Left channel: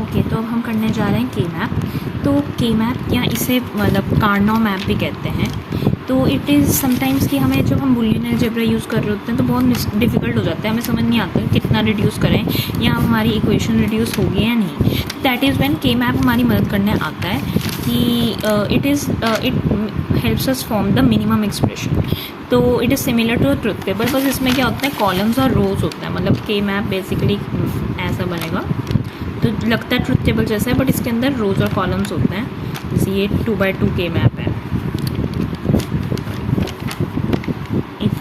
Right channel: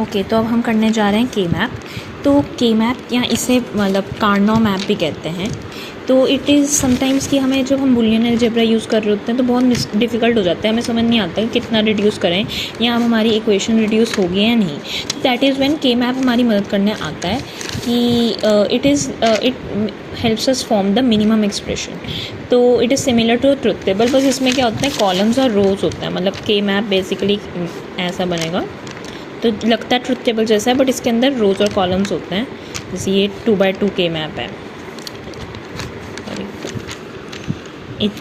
Okay, तो अब हम करने जा रहे हैं के मैप। तो के मैप या इसे मतलब कार्नो मैप भी कहते हैं। तो इट इज़ समटाइम्स कि हमें जब हम बुलियन अलजेब्रा यूज़ कर रहे होते हैं तो बहुत डिफ़िकल्ट हो जाता है, हमें समझ नहीं आता है कितना रिड्यूस करें या अब हमारी इक्वेशन रिड्यूस होगी या नहीं। That is when K map हमारी मदद करने आता है कि it helps us form the minimum expression. तो it is similar to truth table, बस इसमें क्या होता है कॉलम्स और रोज होता है। मतलब के मैप बेसिकली ऐसा बनेगा, तो लगता है ट्रुथ टेबल जैसा है बट इसके अंदर रोज और कॉलम्स होते हैं। जैसे ये 2x2 के मैप है,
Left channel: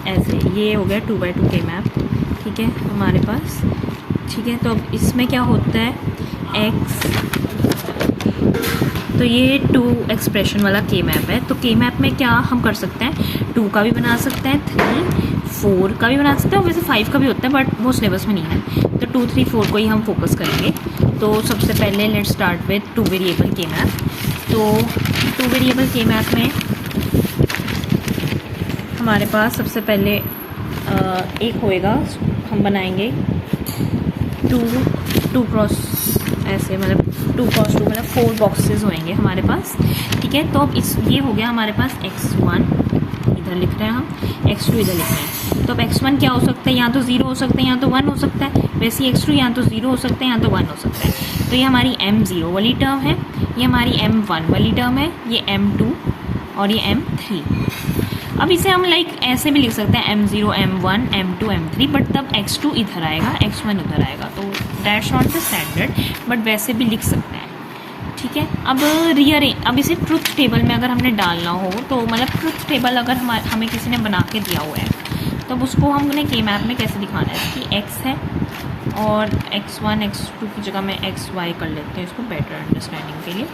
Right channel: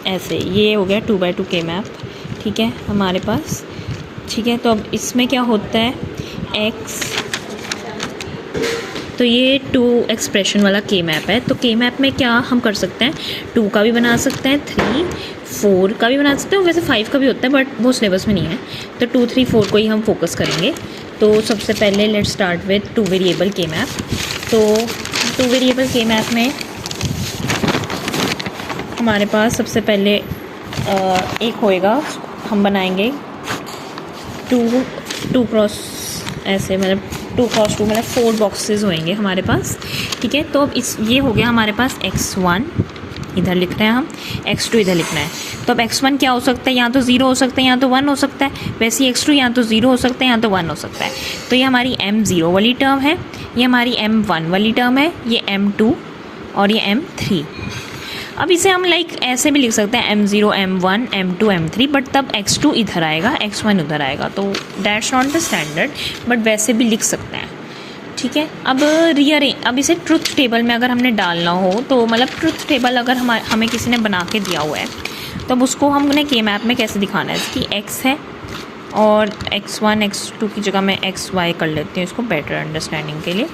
ऐसे ये हो गया 2x2 के मैप। ठीक है हमारे पास, ठीक है। तो अब इसमें क्या होता है x, तो ये 2 एक्सप्रेशन वाला के मैप है। तो के मैप में क्या हम कर सकते हैं, 2 का भी बना सकते हैं, 3, 4 का भी बना सकते हैं, वैसे 5 का भी होता है बट वो सिलेबस में नहीं है। तो 2, 3, 4 को ही हम फोकस करेंगे। तो सबसे पहले लेट्स स्टार्ट विद 2 वेरिएबल के मैप। तो 2 वेरिएबल के मैप में हमारे पास सबसे पहले एक होएगा, हम बनाएंगे 2 क्रॉस ऐसे, मतलब 2 क्रॉस 2 मतलब 4 बॉक्सेस होंगे हमारे पास। ठीक है, तो अब ये हो गया हमारे पास x1 इधर लिख रहे हैं हम, x2 इधर लिखना है। तो अब x1 क्या हो सकता है, या तो 0 हो सकता है या तो 1 हो सकता है। वैसे ही x2 या तो 0 हो सकता है या तो 1 हो सकता है। तो ये हमारी m0 वाली टर्म है, ये हमारी m1 वाली टर्म है, ये m2 और ये m3। अब इसे हम ऐसे भी लिख सकते हैं m0, m1, m2, m3, but तब x2 इधर आएगा, x1 उधर आएगा। तो that's not the standard, but वैसे भी लिख सकते हैं। ठीक है, अब इसे ट्रुथ टेबल में अगर हमने डालना हो तो मतलब ट्रुथ टेबल अगर हमें किसी ने बना के दिया हुआ है तब उसको हमने के मैप में कैसे दिखाना है कि x है और x1, x2 की जगह मैं xy कर लेती हूँ इसको बेटर अंडरस्टैंडिंग के लिए,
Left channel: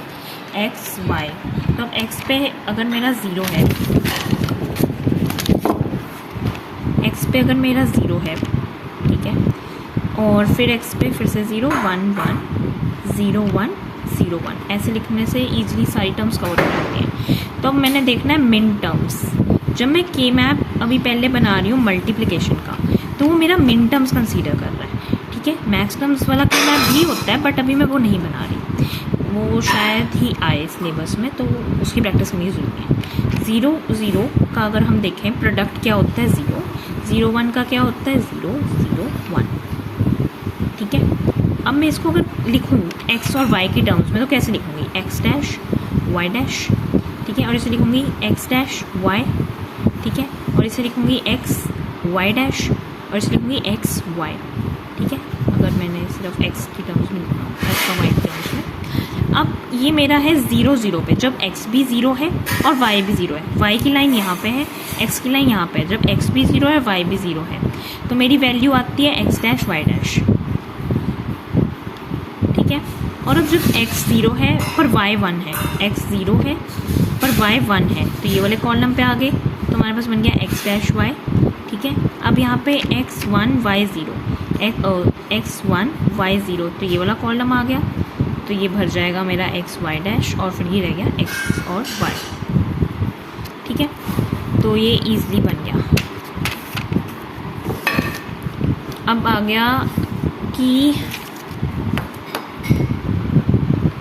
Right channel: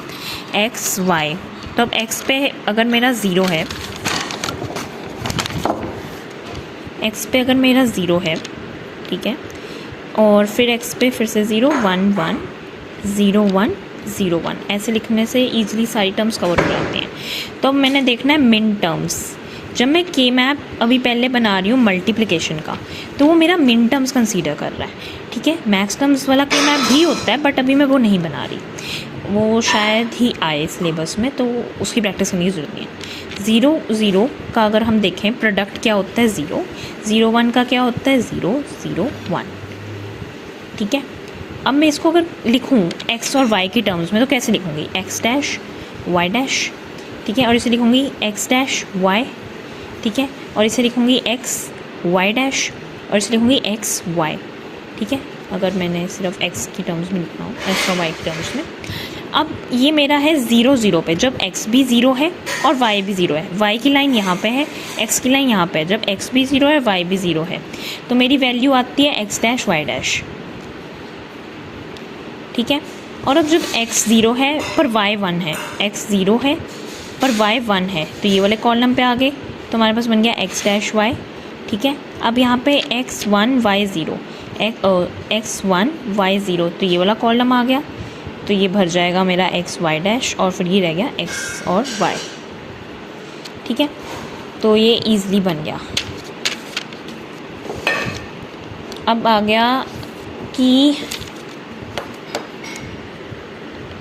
xy। तो अब x पे अगर मेरा 0 है, x पे अगर मेरा 0 है, ठीक है, और फिर x पे फिर से 0, 1, 1, 0, 1, 0, 1, ऐसे लिखने से ईजिली सारी टर्म्स कवर हो जाते हैं। तो अब मैंने देखना है मिन टर्म्स। जब मैं के मैप अभी पहले बना रही हूँ मल्टीप्लिकेशन का, तो वो मेरा मिन टर्म्स कंसीडर कर रहा है। ठीक है, मैक्स टर्म्स वाला के मैप भी होता है बट अभी मैं वो नहीं बना रही, वो शायद ही आए सिलेबस में, तो उसकी प्रैक्टिस होनी ज़रूरी है। 0, 0 का अगर हम देखें प्रोडक्ट क्या होता है 0, 0, 1 का क्या होता है 0, 0, 1। ठीक है, अब मैं इसको अगर लिखूँ x और y की टर्म्स में तो कैसे लिखूँगी, x डैश y डैश। ठीक है, और इसे लिखूँगी x डैश y। ठीक है, और इसे लिखूँगी x y डैश, और इसे लिखूँगी x y। ठीक है, अगर मैंने सिर्फ x की टर्म्स में लिखना हो, x और y की टर्म्स में। अब ये मेरा है 0, 0 पे, जब x भी 0 है और y भी 0 है, y की लाइन यहाँ पे है, x की लाइन यहाँ पे है, जब x भी 0 है y भी 0 है, तो मेरी वैल्यू आती है x डैश y डैश। ठीक है, और अब जब x 0 है पर y 1 है, x 0 है पर y 1 है, तो ये वाले कॉलम पे आ गए, तो हमारे पास बन गया x डैश y। ठीक है, अब यहाँ पे x1 y 0, x1 y 0, तो ये वाला कॉलम आ गया, तो ये भर जाएगा मेरा x y डैश और फिर ये रह गया x और y। ठीक है, तो ये ईजिली बन गया। अब आ गया कि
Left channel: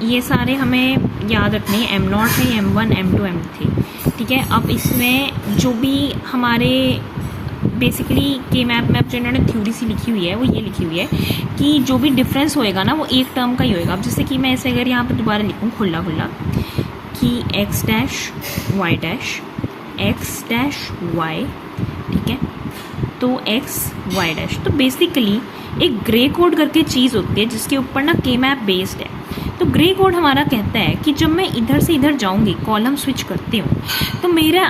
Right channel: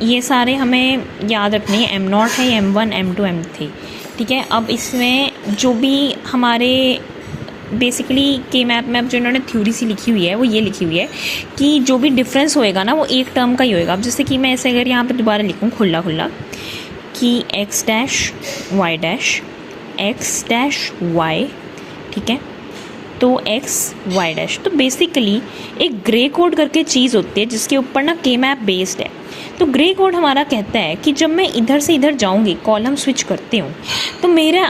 ये सारे हमें याद रखने हैं, m0 है, m1, m2, m3। ठीक है, अब इसमें जो भी हमारे बेसिकली के मैप में अब जो इन्होंने थ्योरी सी लिखी हुई है वो ये लिखी हुई है कि जो भी डिफरेंस होएगा ना वो एक टर्म का ही होएगा। अब जैसे कि मैं ऐसे अगर यहाँ पे दोबारा लिखूँ खुला कि x dash y dash, x dash y। ठीक है, तो x y डैश, तो बेसिकली एक ग्रे कोड करके चीज़ होती है जिसके ऊपर ना के मैप बेस्ड है। तो ग्रे कोड हमारा कहता है कि जब मैं इधर से इधर जाऊंगी, कॉलम स्विच करती हूँ, तो मेरा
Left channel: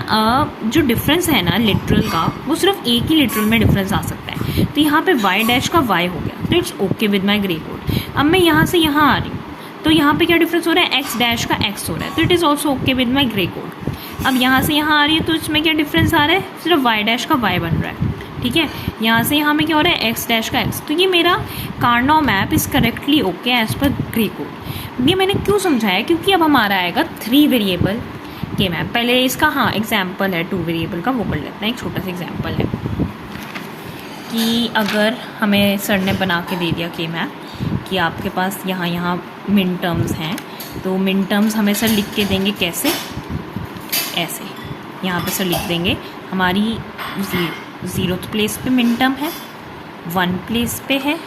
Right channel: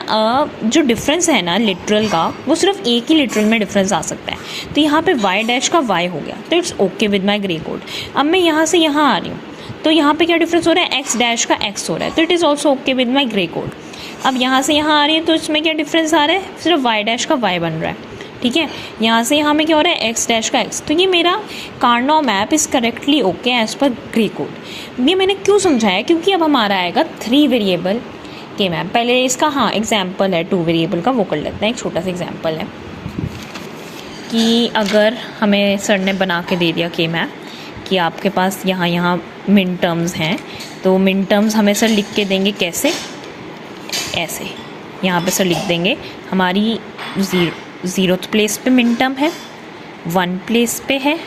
जो डिफरेंस है ना लिटरल का, वो सिर्फ एक ही लिटरल में डिफरेंस आ सकता है। तो यहाँ पे y डैश का y हो गया, तो it's okay with my grey code. अब मैं यहाँ से यहाँ आ रही हूँ, तो यहाँ पे क्या डिफरेंस हो रहा है, x डैश का x हो रहा है, तो it is also okay with my grey code. अब यहाँ से यहाँ आ रही है तो इसमें क्या डिफरेंस आ रहा है, सिर्फ y डैश का y बन रहा है। ठीक है, यहाँ से यहाँ में क्या हो रहा है, x डैश का x। तो ये मेरा Karnaugh map is correctly okay as per gray code. ये मैंने क्यों समझाया, क्योंकि अब हमारा आएगा 3 वेरिएबल के मैप। पहले इसका हाँ एग्जाम्पल है 2 वेरिएबल का, वो कर लेते हैं। एक छोटा सा एग्जाम्पल है कि अगर हमें सर ने बना के दे दिया के मैप कि आपके पास यहाँ मिन टर्म्स हैं, तो मिन टर्म्स हमें सर लिख के देंगे कैसे, ऐसे यहाँ पे सर लिख देंगे हमारी 0th प्लेस पे मिन टर्म है, 1 प्लेस पे है,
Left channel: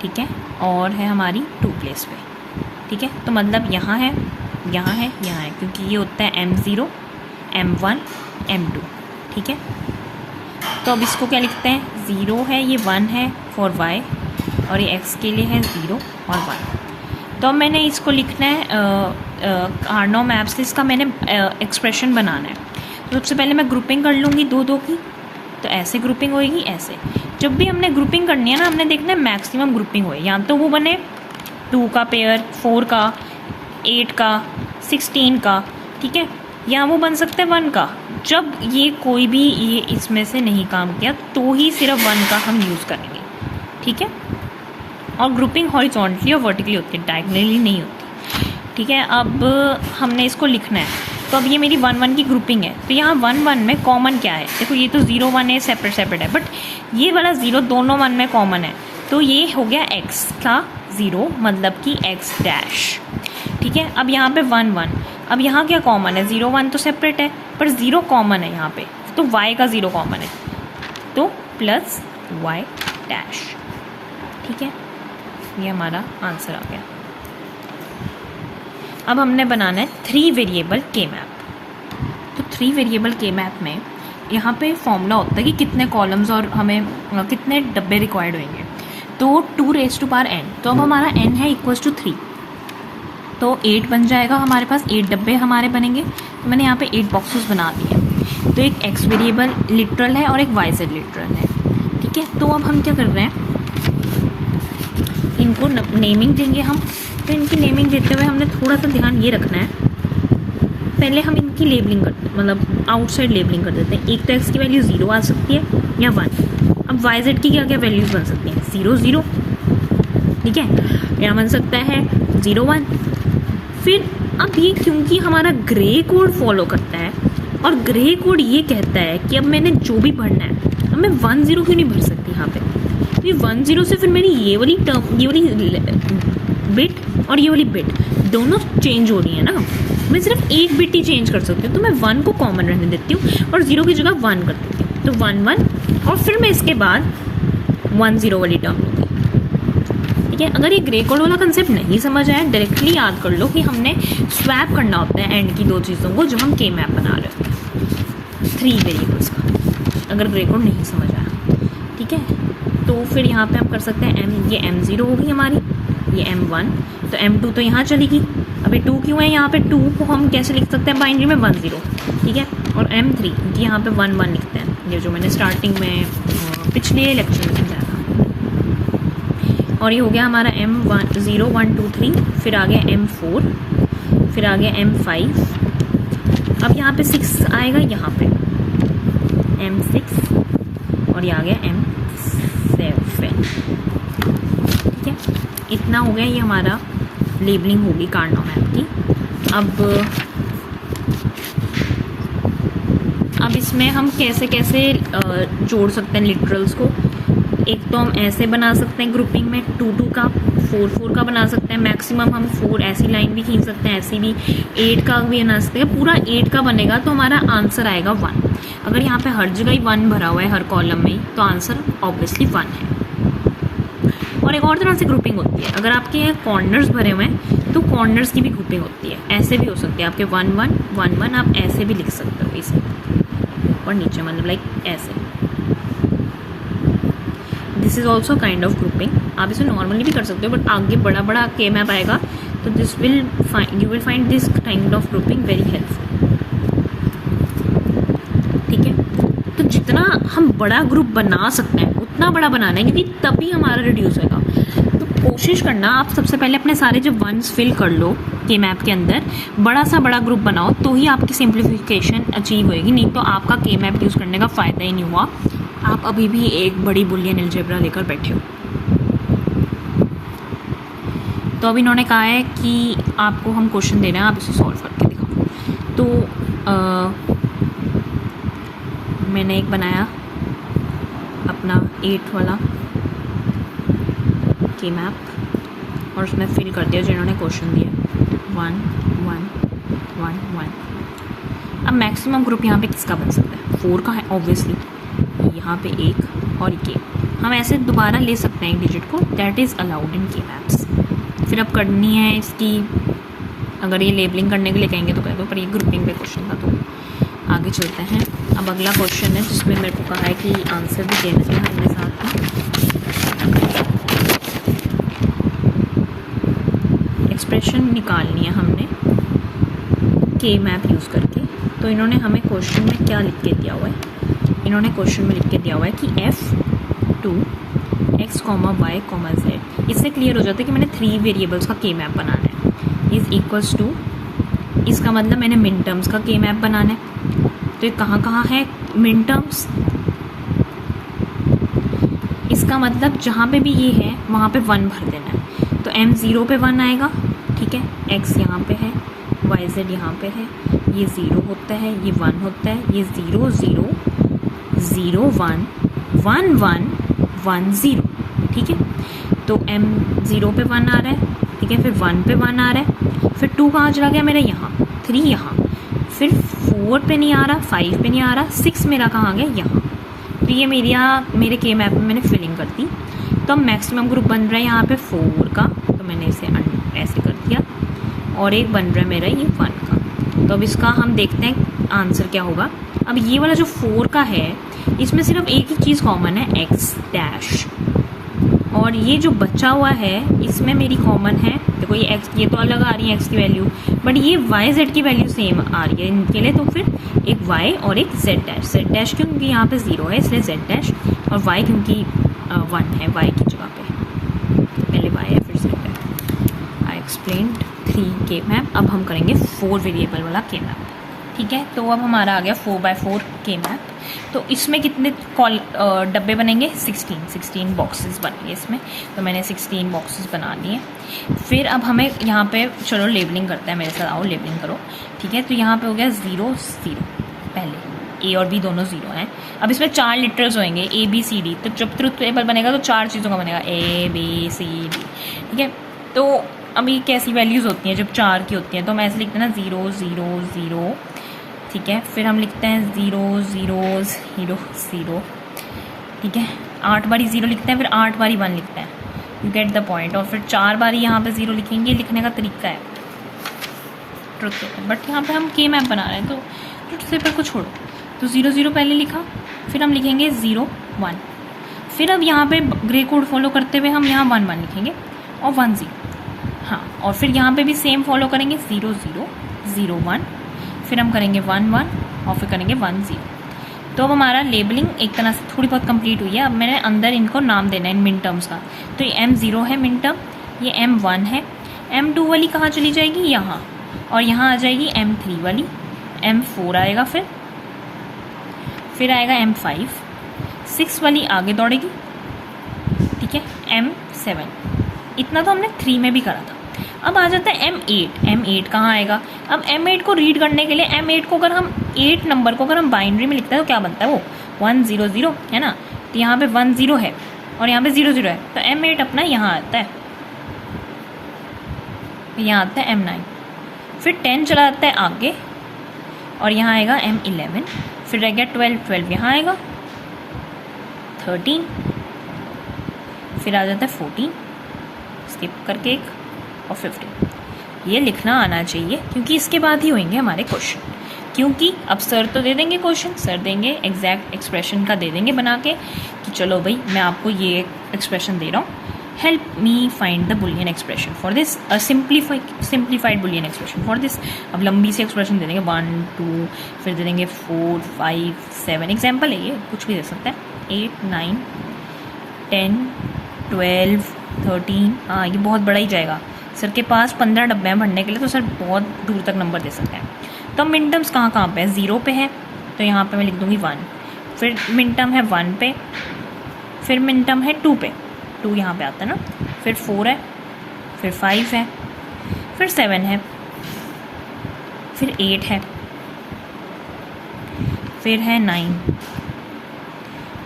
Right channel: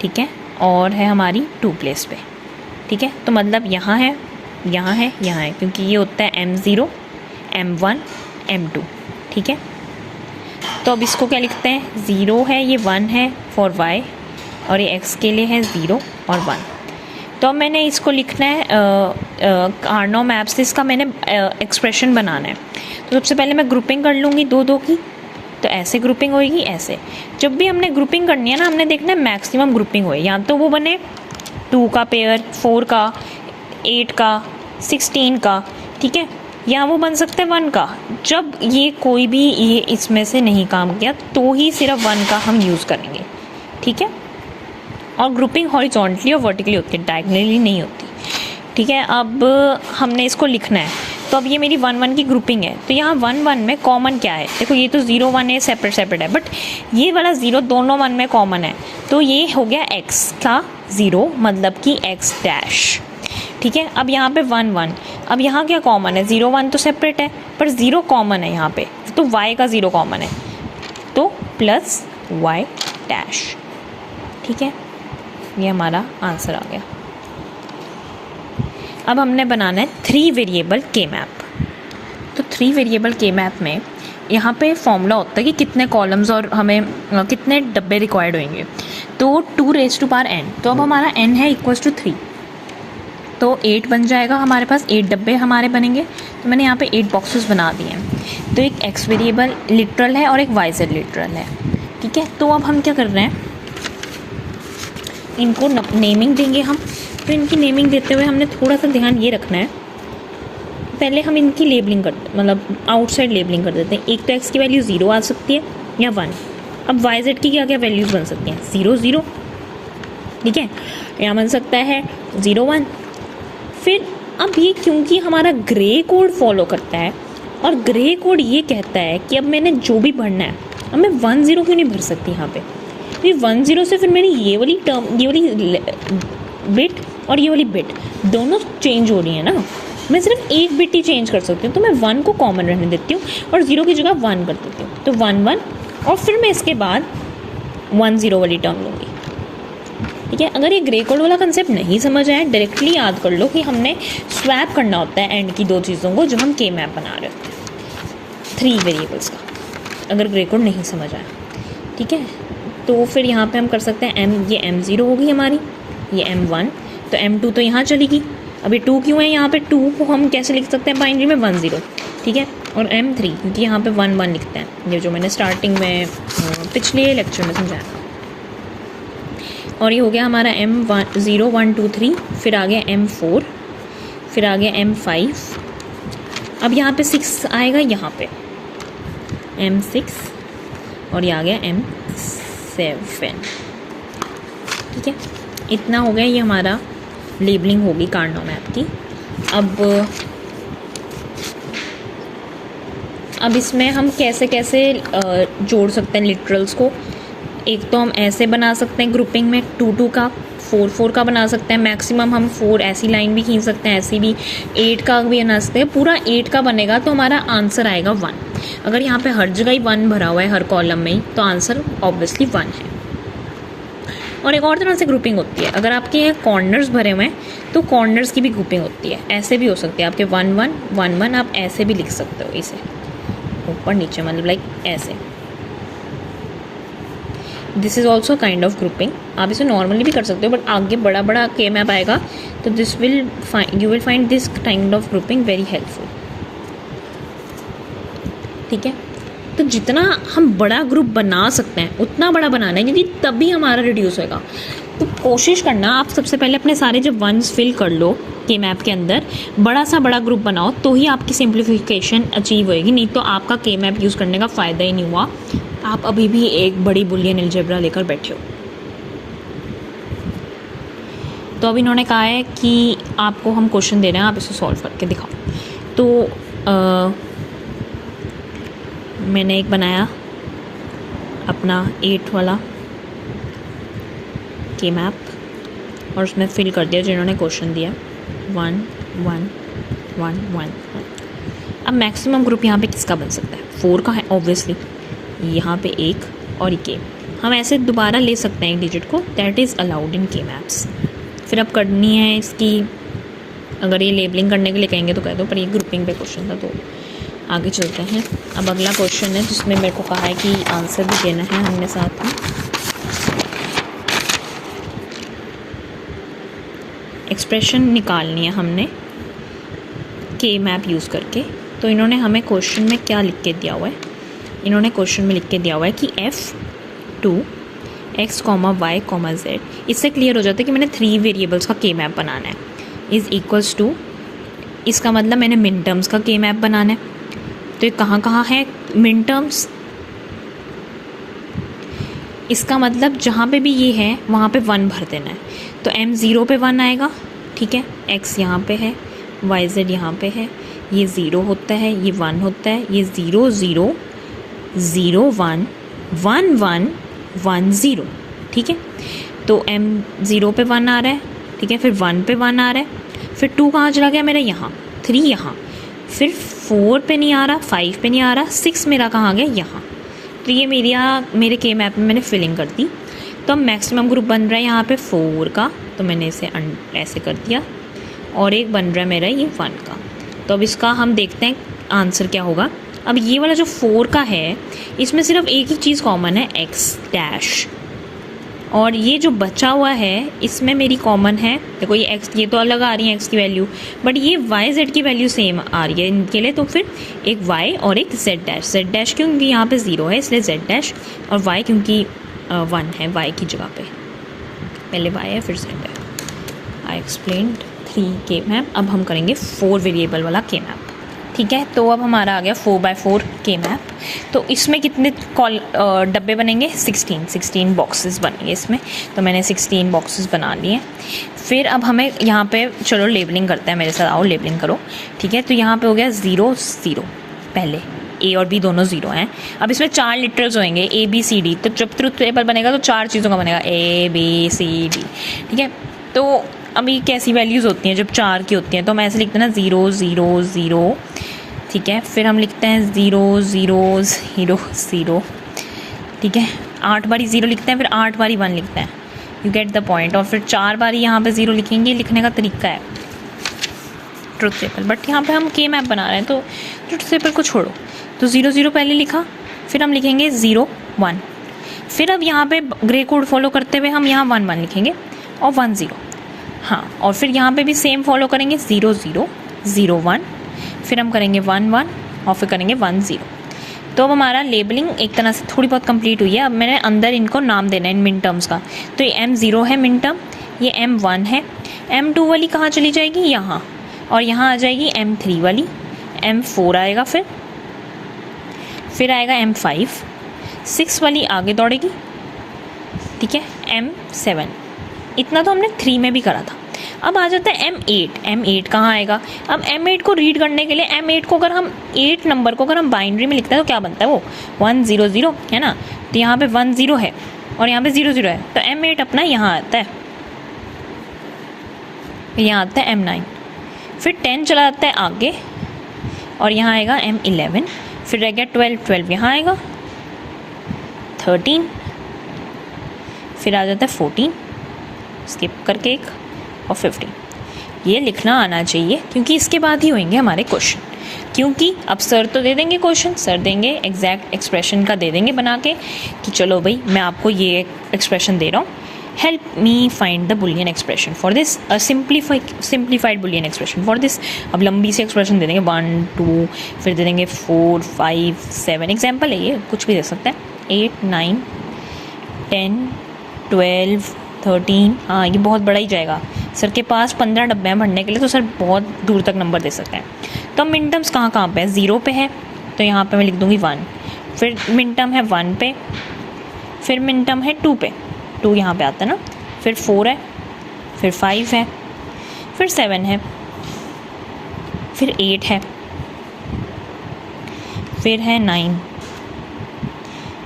ठीक है, और है हमारी 2 प्लेस पे, ठीक है। तो मतलब यहाँ है, यहाँ है, यहाँ है, क्योंकि ये होता है M0, M1, M2, ठीक है। तो अब इसको क्या लिखते हैं, 0 है, ये 1 है फॉर y, और ये x के लिए है 0 और 1। तो अब मैंने इसको लिखना है कार्नो मैप से, इसका मैंने एक्सप्रेशन बनाना है। तो सबसे पहले मैं ग्रुपिंग कर लूँगी 2-2 की, तो ऐसे ग्रुपिंग होएगी, ऐसे। जब भी हमने ग्रुपिंग करनी है ना, हमने देखना है मैक्सिमम ग्रुपिंग होए, या तो वो बने 2 का पेयर, 4 का, 8 का, 16 का, ठीक है, या वो बन सकता है 1 का। जब ये कोई भी ये इसमें से नहीं काम किया तो ही सिर्फ 1 का हम यूज़ करेंगे, ठीक है। और ग्रुपिंग हॉरिजॉन्टली और वर्टिकली होती है, डायगोनली नहीं होती, ठीक है। अब हमने इसको लिखना है, तो अब ये मेरी 1-1 की ग्रुपिंग है, तो यहाँ 1-1 में कॉमन क्या है, देखो ये तो 0-1 है, सेपरेट है, बट ये वाला 0 दोनों 1 में कॉमन है, तो ये हो गया x का 0, मतलब कि x डैश, ठीक है। अब यहाँ पे 1-1, अब यहाँ क्या कॉमन है, 0-1 तो सेपरेट है, पर 0 कॉमन है यहाँ पे, तो y का 0 कॉमन है, तो प्लस y डैश, ठीक है। ये हमारा आंसर आ गया। अब हमने बनाना है 3 वेरिएबल के मैप। तो 3 वेरिएबल के मैप में यहाँ पे फॉर्मूला होता है कि कितने कॉलम्स और हमें कितने डब्बे रिक्वायर्ड होंगे, तो 2n। तो अब हमारा n है इक्वल्स टू 3, तो 8 बन जाएगा हमारे पास, 8 डब्बे हमारे बनेंगे। तो मैंने यहाँ पे 8 बॉक्सेस बना दिए हैं। तो एक x वेरिएबल लिटरल है और एक yz लिटरल है, ठीक है। तो अब हम क्या कर रहे हैं, इनको नेमिंग देंगे हम। तो इनकी नेमिंग देते हुए हमने थोड़ा सा ध्यान ये रखना है, पहले हम इनकी लेबलिंग मतलब आउटसाइड लेबलिंग कर देते हैं। एक तो x की वैल्यू 0 आ सकती है या 1। अब yz की क्या क्या वैल्यूज़ बन सकती हैं, 0 0, ठीक है, या बन सकता है 0 1। फिर अब ये क्योंकि हमारा ग्रे कोड फॉलो करता है, और ग्रे कोड ये कहता है कि अब मैंने जो भी भरना है, अब मैं 1 0 क्यों नहीं भर सकती यहाँ पे, ये 1 0 से फिर मेरी ये वाली टर्म, ये वाली बिट और ये वाली बिट दोनों चेंज हो रही है ना, मैं सिर्फ एक बिट ही चेंज कर सकती हूँ। तो मैं 1 को कॉमन रहने देती हूँ और 0 की जगह 1 कर देती हूँ, तो 1 1, और फिर मैं इसके बाद 1 0 वाली टर्म लूँगी, ठीक है। अगर ये ग्रे कोड वाला कंसेप्ट नहीं समझ आया, डायरेक्टली याद कर लो कि हमने स्वैप करना होता है एंड की 2 चीज़ों को जो हम के मैप बना रहे होते हैं 3 वेरिएबल्स का, अगर ग्रे कोड नहीं समझ आया, ठीक है। तो फिर यहाँ पे हम कर सकते हैं ये M0 होगी हमारी, ये M1, तो M2 तो यहाँ चलेगी। अभी 2 क्यों है यहाँ पे, 2 को हम कैसे लिख सकते हैं बाइनरी में 1 0, ठीक है, और M3 क्योंकि यहाँ पे 1 1 लिखते हैं, ये जो मैंने स्टार्टिंग में पिछले लेक्चर में समझाया था। और ये हो गया हमारा M1 0 1 2 3, फिर आ गया M4, फिर आ गया M5, अब यहाँ पे 6 आएगा, यहाँ पे M6, और ये आ गया M7, ठीक है। इतना हो गया, ये हमारा लेबलिंग होगी कार्नो मैप की। अब इसमें हम कैसे कैसे जोड़ सकते हैं लिटरल्स को। एक तो हम ऐसे बना सकते हैं ग्रुपिंग में 2 2 का, 4 4 का बना सकते हैं, मैक्सिमम हम 4 ऐसी लाइन भी खींच सकते हैं, ऐसी भी 8 का भी बना सकते हैं। पूरा 8 का बनेगा तो हमारा आंसर आएगा 1। अगर यहाँ पे हर जगह ही 1 भरा हुआ है हर कॉलम में ही, तो आंसर ऑब्वियसली 1 है। और एक और तरह से ग्रुपिंग होती है, अगर आपके यहाँ कॉर्नर्स भरे हुए हैं तो कॉर्नर्स की भी ग्रुपिंग होती है, ऐसे भी हो सकती है आपके 1 1 1 1, आप ऐसे भी लिख सकते हो, इसे ऊपर नीचे मतलब लाइक ऐसे। This is also kind of grouping, आप इसे नॉर्मली भी कर सकते हो, बट आगे बड़ा बड़ा के मैप आएगा तो you will find this kind of grouping very helpful, ठीक है। तो जितना हम बड़ा ग्रुप बना सकते हैं उतना बड़ा बनाना है, क्योंकि तभी हमारा रिड्यूस होगा। तो कोशिश करना आप सबसे पहले अपने सारे जब वंस फिल कर लो के मैप के अंदर, बड़ा ग्रुप बनाओ, तो ही आपकी सिंप्लीफिकेशन अचीव होएगी, नहीं तो आपका के मैप यूज़ करने का फ़ायदा ही नहीं हुआ, आप अभी भी एक बड़ी बुलियन अलजेब्रा लेकर बैठे हो। तो अब इन्होंने कहा है कि आपको हम क्वेश्चन दे रहे हैं, आप इसे सॉल्व करके दिखाओ। तो मैंने एक बनाया अपना 8th वाला के मैप, और उसमें फिल कर दिया जिन्होंने क्वेश्चन दिया 1 1 1 1 1। अब मैक्सिमम ग्रुप यहाँ पे किसका बन सकता है? 4 का है ऑब्वियसली, यहाँ पे 1 और ये हम ऐसे दोबारा ले सकते हैं एक डिजिट को, दैट इज़ अलाउड इन के मैप्स। फिर अब करनी है इसकी, अगर ये लेबलिंग करने के लिए कहेंगे तो कह दो, पर ये ग्रुपिंग पे क्वेश्चन था तो आगे चलते हैं। अब अगला क्वेश्चन है जिसमें मेरे को कहा है कि आंसर भी देना है हमने साथ में। एक्सप्रेशन निकालनी है हमने के मैप यूज़ करके। तो इन्होंने हमें क्वेश्चन में क्या लिख के दिया हुआ है? इन्होंने क्वेश्चन में लिख के दिया हुआ है कि F2 x, y, z, इससे क्लियर हो जाता है कि मैंने 3 वेरिएबल्स का के मैप बनाना है, इज़ इक्वल्स टू, इसका मतलब मैंने मिन टर्म्स का के मैप बनाना है। तो ये कहाँ कहाँ है मिन टर्म्स? इसका मतलब जहाँ पे भी ये है वहाँ पे 1 भर देना है। तो m 0 पे 1 आएगा, ठीक है, x यहाँ पे है, y z यहाँ पे है, ये 0 होता है, ये 1 होता है, ये 0 0 0 1 1 1 1 0, ठीक है। तो m 0 पे 1 आ रहा है, ठीक है, फिर 1 पे 1 आ रहा है, फिर 2 कहाँ चला गया मेरा? यहाँ, 3 यहाँ, फिर 4 पे नहीं आ रहा, 5 पे नहीं आ रहा, 6 मेरा कहाँ आ गया? यहाँ। तो ये मेरे यहाँ मेरे के मैप में मैंने फिलिंग कर दी। तो अब मैक्सिमम ग्रुप बन रहा है यहाँ पे 4 का, तो मैंने इसे ऐसे कर दिया, और एक बन रहा है मेरा ये 1 का। तो अब इसका हम देखते हैं आंसर क्या होगा। अब ये वाला जो 4 का है इसमें सिर्फ एक ही चीज़ कॉमन है, एक्स डैश, और ये जो बचा हुआ है इसमें मेरी कॉमन है, देखो ये एक्स, ये तो अलग आ रही है एक्स की वैल्यू, बट ये वाई जेड की वैल्यू सेम आ रही है इनके लिए। तो फिर एक वाई और एक जेड डैश क्योंकि यहाँ पे 0 है इसलिए जेड डैश, और वाई क्योंकि 1 है वाई की जगह पे, पहले वाई है फिर जेड है। आई एक्सप्लेन्ड 3 के मैप। अब हम करेंगे 4 वेरिएबल वाला के मैप, ठीक है। तो अब हमारा आ गया 4x4 के मैप। तो इसमें कितने डब्बे बनेंगे? 16 बॉक्सेस बनेंगे इसमें। तो मैंने 16 बॉक्सेस बना लिए। फिर अब हमें यहाँ पे चलो लेबलिंग करते हैं, मेरे साथ आओ लेबलिंग करो, ठीक है। तो यहाँ पे हो गया 0 0, पहले ए और बी दोनों 0 हैं। अब इसमें 4 लिटरल्स होंगे ABCD, तो जब ट्रुथ टेबल बनेगा तो 4 चीज़ों का बनेगा ABCD, ठीक है। तो अभी कैसी वैल्यूज़ होती हैं जब 4 की होती हैं? तो हम ऐसे लिखते हैं ना 0 0 0, ठीक है। फिर हम लिखते हैं 0 0 0 0, ठीक है। 8 बारी 0 लिखते हैं, फिर 8 बारी 1 लिखते हैं, यू गेट द पॉइंट। और फिर 4 बारी यहाँ पे 0 लिखेंगे, लिखने का तरीका है ट्रुथ टेबल, बट यहाँ पे हम के मैप बना रहे हैं तो ट्रुथ टेबल को छोड़ो। तो 0 0 पहले लिखा, फिर हम लिखेंगे 0 1, फिर अब यहाँ पे ग्रे कोड फॉलो करते हुए हम यहाँ 1 1 लिखेंगे और 1 0, हाँ। और फिर यहाँ पे भी सेम फॉलो करेंगे 0 0 0 1, फिर हम करेंगे 1 1 और फिर करेंगे 1 0। तो अब हमारा लेबलिंग एक तरह से थोड़ी बहुत कंप्लीट हुई है। अब मैंने अंदर इनको नाम देना है मिन टर्म्स का। तो ये M0 है मिन टर्म, ये M1 है, M2 वाली कहाँ चली जाएगी? यहाँ, और यहाँ आ जाएगी M3 वाली, M4 आएगा, फिर आएगा M5, 6 वाली आगे दौड़ेगी, ठीक है, M7। इतना तो हमने 3 में भी करा था। अब आ जाता है M8 कहाँ आएगा? अब M8 को रीड करने के लिए M8 को अगर हम 8 नंबर को अगर हम बाइनरी में लिखते हैं तो क्या बनता है? वो 1 0 0 है ना। तो यहाँ पे 1 0 है और यहाँ पे 0 0 है, तो M8 अपना यहाँ आता है, यहाँ आता है M9, फिर 10 चला जाता है आगे और यहाँ आएगा M11, फिर रह गया 12 यहाँ आएगा, 13, फिर आ जाता है 14, स्किप करके एक, और 15। ये लिखना आना चाहिए क्योंकि इसके बाद ही होंगे हमारे क्वेश्चन। क्योंकि अब सर तो दे देंगे क्वेश्चन, सर देंगे एग्जैक्ट एक्सप्रेशन का दे देंगे बना के कि चलो भाई मैं आपको ये एक्सप्रेशन दे रहा हूँ, help me find the Boolean expression for this, simplified Boolean expression for this. अब लंबी सी एक्सप्रेशन दे देंगे 1 2, फिर दे देंगे 4 5 7, एग्जाम्पल है ये, कुछ भी दे सकते हैं, 8 9 10 12 13। हाँ ये बहुत बड़ा ही जाएगा, सर के पास 15 डब्बे हैं भरने के लिए, तो सर बहुत दूर तक नंबर दे सकते हैं। तो मिन टर्म्स कहाँ पे है? 0 पे है, तो यहाँ पे मैं लिख दूँगी 1, फिर मिन टर्म है 1 पे, फिर मिन टर्म है 2 पे, 2 यहाँ पे आता है ना, फिर 4 है, फिर 5 है, फिर 7 है, फिर 8 है, फिर है 9,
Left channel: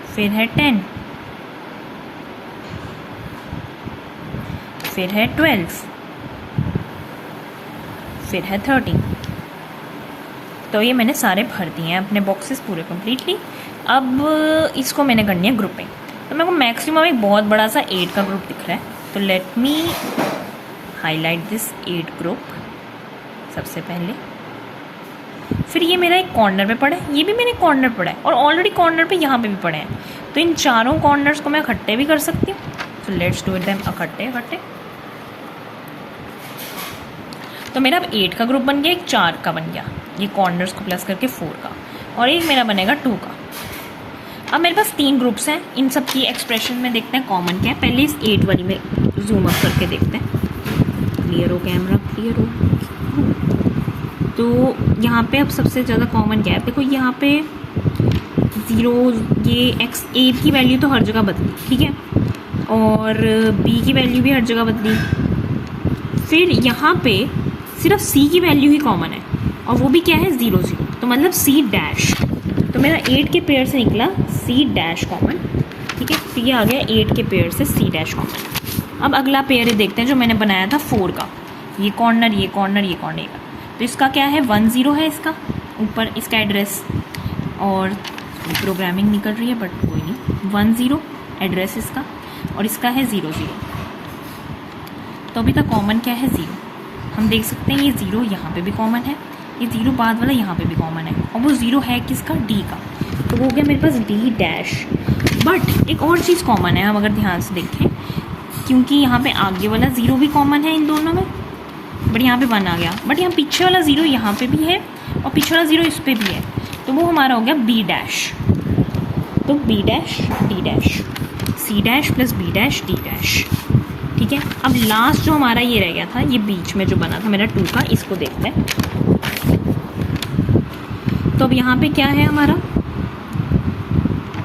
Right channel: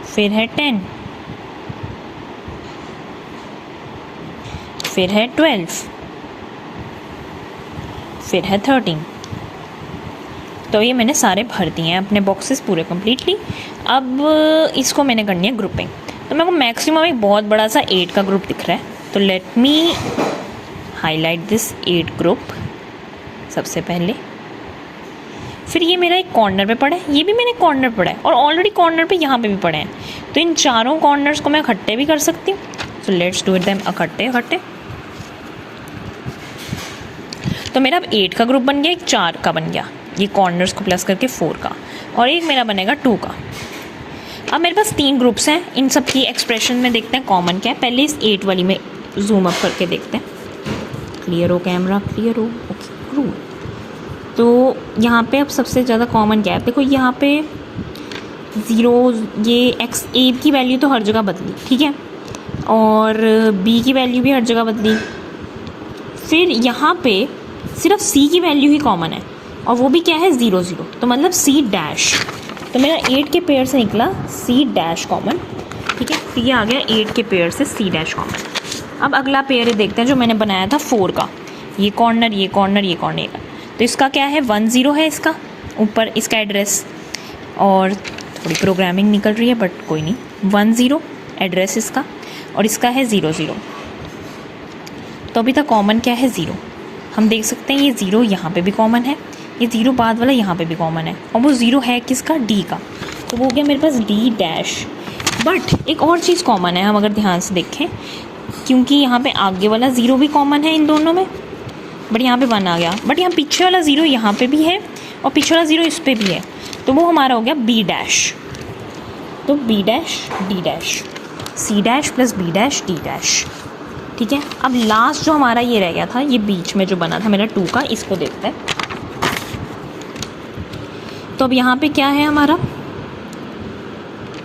फिर है 10, फिर है 12, फिर है 13। तो ये मैंने सारे भर दिए हैं अपने बॉक्सेस पूरे कम्प्लीटली। अब इसको मैंने करनी है ग्रुपिंग। तो मेरे को मैक्सिमम एक बहुत बड़ा सा 8 का ग्रुप दिख रहा है, तो let me highlight this 8 group सबसे पहले। फिर ये मेरा एक कॉर्नर पे पड़ा है, ये भी मैंने कॉर्नर पड़ा है, और ऑलरेडी कॉर्नर पे यहाँ पे भी पड़े हैं। तो इन चारों कॉर्नर्स को मैं इकट्ठे भी कर सकती हूँ। तो लेट्स डू इट देम इकट्ठे। तो मेरा अब 8 का ग्रुप बन गया, एक 4 का बन गया, ये कॉर्नर्स को प्लस करके 4 का, और एक मेरा बनेगा 2 का। अब मेरे पास 3 ग्रुप्स हैं, इन सब की एक्सप्रेशन में देखते हैं कॉमन क्या है। पहले इस 8 वाली में जूम अप करके देखते हैं। क्लियर हो कैमरा, क्लियर हो। तो यहाँ पे अब सबसे ज़्यादा कॉमन क्या है, देखो यहाँ पे 0, ये A की वैल्यू तो हर जगह बदली, ठीक है, और B की वैल्यू भी हर जगह बदली। फिर यहाँ पे सिर्फ C की वैल्यू ही कॉमन है, और वो भी क्या है 0 0, तो मतलब C डैश। तो मेरा 8 के पेयर से निकला C डैश कॉमन, ठीक है। तो ये आ गया 8 के पेयर से C डैश कॉमन। अब अगला पेयर देखते हैं जो मैंने बनाया था 4 का, ये कॉर्नर ये कॉर्नर ये कॉर्नर का। तो इसका क्या है 1 0 है, इसका ऊपर इसका एड्रेस, और थोड़ी प्रोग्रामिंग निकल रही है बट कोई नहीं। 1 0 एड्रेस इसका, और इसका है 0 0। तो अभी तक कॉमन क्या है 0। हम देख सकते हैं ये 0 यहाँ पे भी कॉमन है, ये 0 बाद वाला यहाँ पे भी कॉमन है, और वो 0 है किसका D का। तो वो हो गया मेरे पास D डैश। बट एक और चीज़ कॉमन है, हम अगर ध्यान से देखें, क्योंकि यहाँ पे आगे वाला 0 भी कॉमन है इन दोनों में, बट यहाँ पे 1 आ गया, बट यहाँ पीछे वाला 0 यहाँ पे भी है, और पीछे वाला 0 इस पे भी है, तो वो हमारा हो गया B डैश। तो B dash D dash, C dash plus B dash D dash, ठीक है। अब लास्ट जो हमारा ये रह गया था, ये बीच में जो बना था मेरा 2 का, इसको देखते हैं। तो अब यहाँ पे क्या है हमारा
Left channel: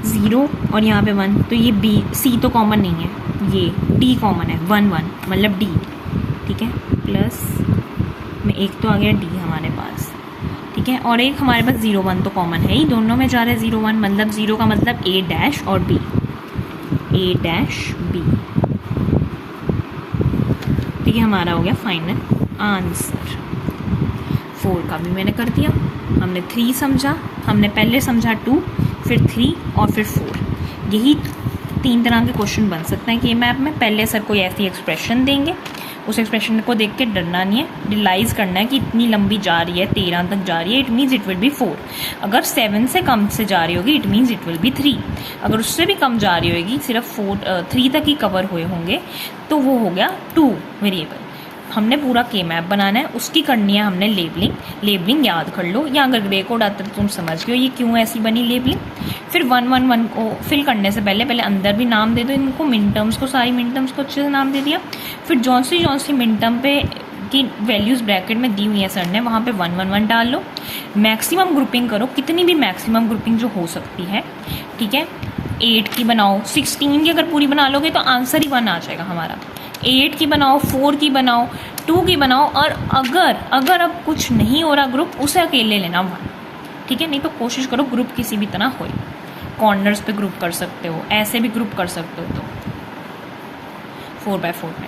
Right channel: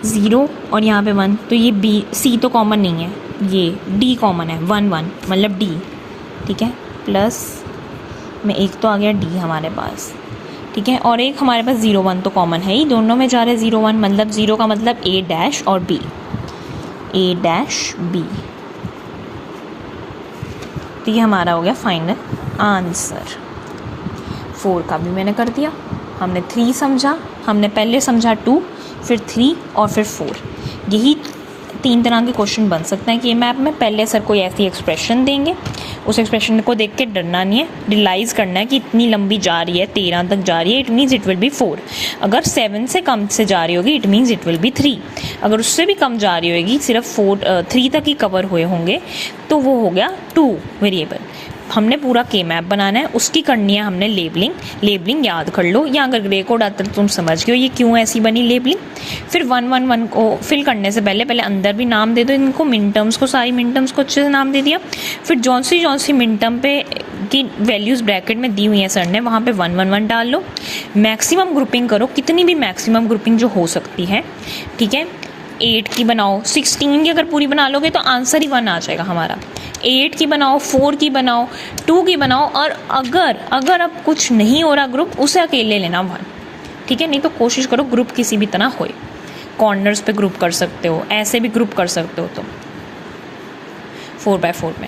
0 और यहाँ पे 1, तो ये C तो कॉमन नहीं है, ये D कॉमन है, 1 1 मतलब D, ठीक है, प्लस में एक तो आ गया D हमारे पास, ठीक है, और एक हमारे पास 0 1 तो कॉमन है ही, दोनों में जा रहे 0 1, मतलब 0 का मतलब A डैश और B, A डैश B। तो ये हमारा हो गया फाइनल आंसर। 4 का भी मैंने कर दिया, हमने 3 समझा, हमने पहले समझा 2, फिर 3 और फिर 4। यही 3 तरह के क्वेश्चन बन सकते हैं कि मैप में। पहले सर कोई ऐसी एक्सप्रेशन देंगे, उस एक्सप्रेशन को देख के डरना नहीं है, रियलाइज़ करना है कि इतनी लंबी जा रही है, 13 तक जा रही है, it means it will be 4। अगर 7 से कम से जा रही होगी it means it will be 3। अगर उससे भी कम जा रही होगी, सिर्फ 3 तक ही कवर हुए होंगे, तो वो हो गया 2 वेरिएबल। हमने पूरा के मैप बनाना है, उसकी करनी है हमने लेबलिंग याद कर लो, या अगर ग्रे कोड आता तो तुम समझ गए ये क्यों ऐसी बनी लेबलिंग। फिर 1 1 1 को फिल करने से पहले अंदर भी नाम दे दो इनको, मिन टर्म्स को, सारी मिन टर्म्स को अच्छे से नाम दे दिया। फिर जौन सी मिन टर्म पे की वैल्यूज़ ब्रैकेट में दी हुई है सर ने, वहाँ पे 1 1 1 डाल लो। मैक्सिमम ग्रुपिंग करो, कितनी भी मैक्सिमम ग्रुपिंग जो हो सकती है, ठीक है। 8 की बनाओ, 16 की अगर पूरी बना लोगे तो आंसर ही 1 आ जाएगा हमारा। 8 की बनाओ, 4 की बनाओ, 2 की बनाओ, और अगर अब कुछ नहीं हो रहा ग्रुप, उसे अकेले लेना 1, ठीक है। नहीं तो कोशिश करो ग्रुप किसी भी तरह होए, कॉर्नर्स पे ग्रुप कर सकते हो, ऐसे भी ग्रुप कर सकते हो। तो 4x4 में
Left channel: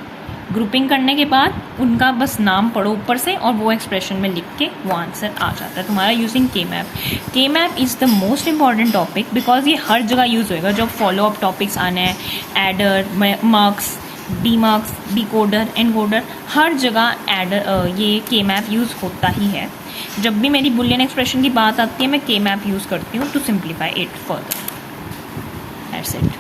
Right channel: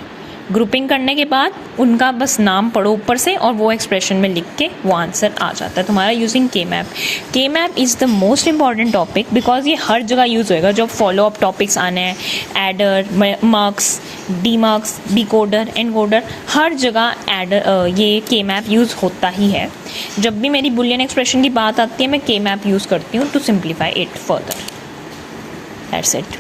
ग्रुपिंग करने के बाद उनका बस नाम पढ़ो ऊपर से, और वो एक्सप्रेशन में लिख के वो आंसर आ जाता है तुम्हारा यूजिंग के मैप। के map is the most important topic, because ये हर जगह यूज़ होएगा जब फॉलो अप टॉपिक्स आने हैं, adder, mux, demux, decoder, encoder, हर जगह ये के मैप यूज़ होता ही है। जब भी मेरी बुलियन एक्सप्रेशन की बात आती है मैं के मैप यूज़ करती हूँ to simplify it further. That's it.